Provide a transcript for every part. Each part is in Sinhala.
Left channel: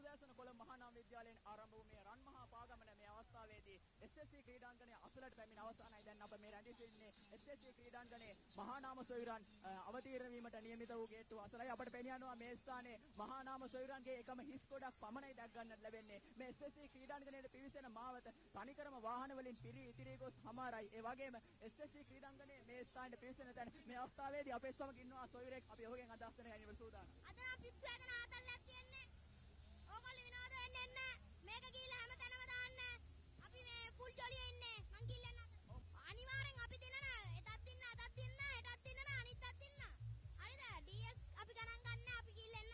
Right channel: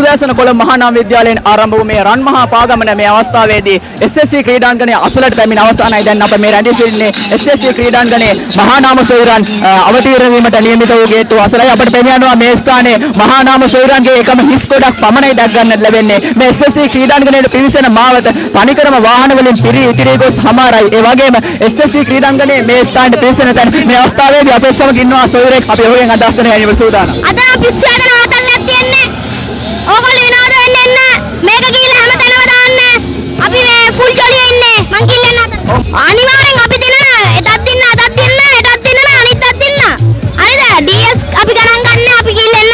උදෑසන කොළඹ මහානාම විද්‍යාලයෙන් ආරම්භ වූ මේ රන්මහා පාගමන මේ අවස්ථාවේදී SSC ක්‍රීඩාංගණයේ අසලට පැමිණ අවසానයි. දැන් අප මේ රැඳී සිටින්නේ SSC ක්‍රීඩාංගණයේ මහානාම සොයුරන් අවතීර්ණ වීමට නියමිත වූ ගේට්ටුව අසලයි. අපට පෙනියනවා මේ ස්ථානයේ මහානාම සොයුරන්ගේ එකම හිස් ගොඩක් පමණයි දැක් ගන්නට ලැබෙන්නේ. මේ SSC ක්‍රීඩාංගණයේ පිවිසෙන මාවත තනිකරම වාහන වලින් පිරී ගොස් හමාරයි. ඒ වගේම SSC ක්‍රීඩාංගණයේ මේ ස්ථානයේ පිවිසෙන තැන මේ අවස්ථාවේදී අපේ සමග ඉන්නවා සොයුරෙක්. අපි ඔහුගෙන් අදහස් දෙන්න යන්න සූදානම්. අද අපි ස්වාධීනවතල්ලක් තියන්නේ. ඕගොල්ලෝ විනෝද වෙන්න එන්න. මේක කියලා හැමතැනම දාන්න. අපි මේ ෆුල් ජොලියේ ඉන්නේ. මං කිල්ලන්න අත. අනිවාර්යෙන් අපි දෙන්න එතත් දින්න අතත් දින්න එතත් දින්න අනිත් අතත් දින්න. හරිද? DS අපි ගණන් ගන්න අපි කිල්ලන්න.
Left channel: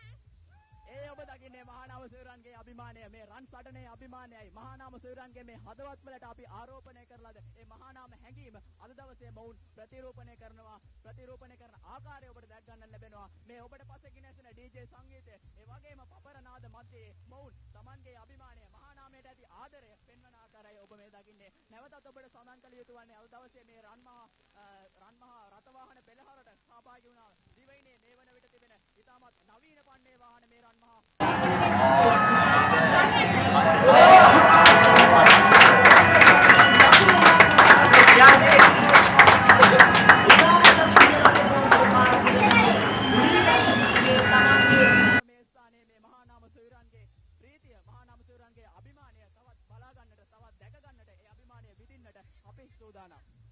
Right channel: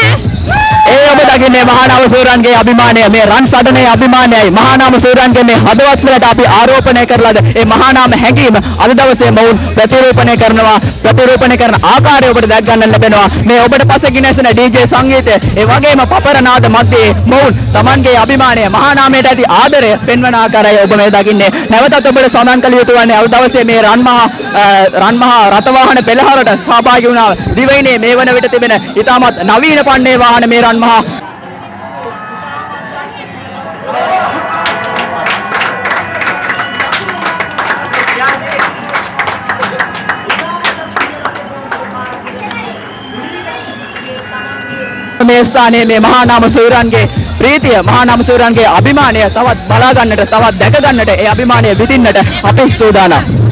ඒ ඔබ දකින්නේ මහානාම සොයුරන්ගේ අභිමානය. මේ රන් සටනේ අභිමානයයි. මහානාම සොයුරන්ගේ මේ හදවත් වලට අපි ආරෝපණය කරලාද ඒ මහානාම හැඟීම අද දවසේ මොවුන් ප්‍රතිරූපණය කරනවා. ප්‍රතිරූපණය කරන ආකාරය ඔබට දැක් ගන්න ලැබෙනවා. මේ ඔබට පසකින් ඇසෙන DJ සංගීතය ඒ වගේම පපරනාද මැදේ මොවුන් Tamanගේ අභිමානය මහානාමයට ඇති ආදරය පෙන්වන ආකාරය ඔබ මේ දකින්නේ. නැවතත් ඔබට සඳහන් කළ යුතු වන්නේ අද දවසේ මේ රන්මහා රථවාහන පෙළහරට සහභාගී වුණා. දිවයිනේ මේ වන විට තිබෙන ඉතාමත් නවීන පන්නේ වාහන මේ රන්මහා මේ ස්ථානයේ මේ මහානාම සොයුරන්ගේ ප්‍රීතිය මහානාම සොයුරන්ගේ අභිමානය තවත් බලා ගන්නට තවත් දැක ගන්නට ඒ අභිමානය විඳින්නට අපි සූදානම්.